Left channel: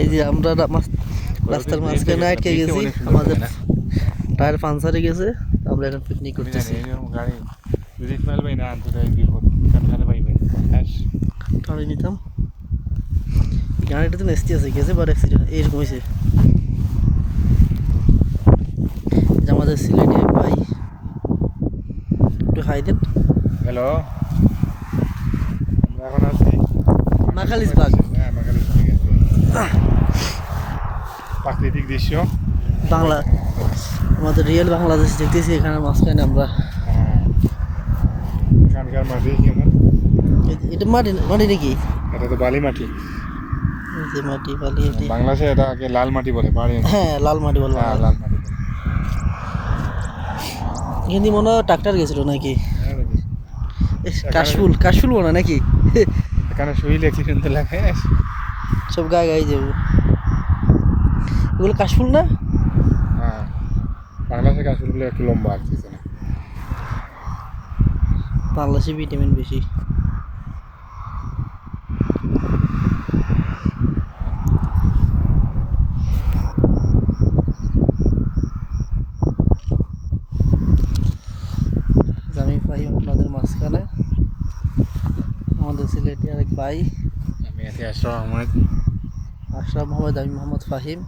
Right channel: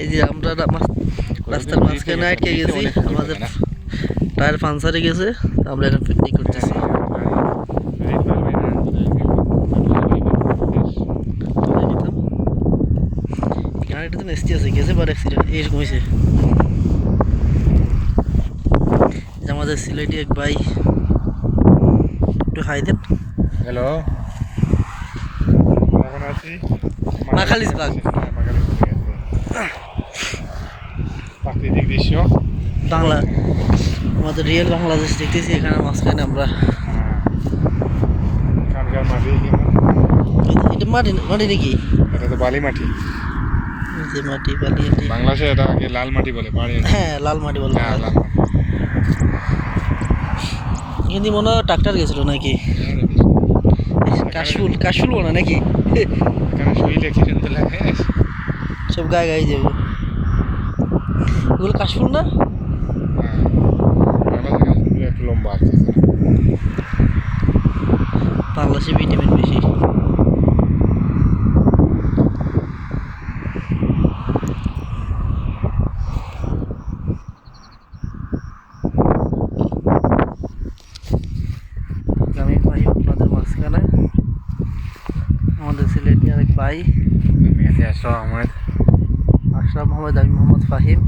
এই যে আমরা রাস্তার মাঝখানে আটকে গেছি, আমাদের টায়ার পাঞ্চারে গেছে, আমরা এখন পিকনিক করতেছি। গাড়িটা তো মেসতে আছে, গেছে বার অ্যাক্সিডেন্ট এরকম হয়েছে। আমাদের সিলেটি এক ভাই, একটু হাই দেন। হ্যালো, মাখালিস বাগ প্রাকৃতিক দৃশ্য বাংলা, আমাদের রিয়েল বাংলাদেশ দেখতেছি। এখানে মাঝখানে আমরা এটা মাটি মাটি নাকি? এটা তো বালি মাটি, এই যে মাটি বালি। বাংলাদেশে এটাকে লাল মাটি বলে। হ্যাঁ, লাল মাটি বললাম। লাল মাটি। কিন্তু মনে হয় ট্রাক্টর গেছিল নাকি? কাশফুল কাশফুল মনে হয় নাকি? সব গায়ে গায়ে যাবো, এগুলো কাশফুল না? বাংলাদেশের গাছগুলো একটু লম্বা আছে, বাংলাদেশে ভিটামিন বেশি। আমি ভাই আপনাদের মাঝখানে, আমাদের সিলেটি আরেক ভাই আমি আছি আশরাফ আহমেদ। আশরাফ মোহাম্মদ, আমি মোহাম্মদ ফাহিম।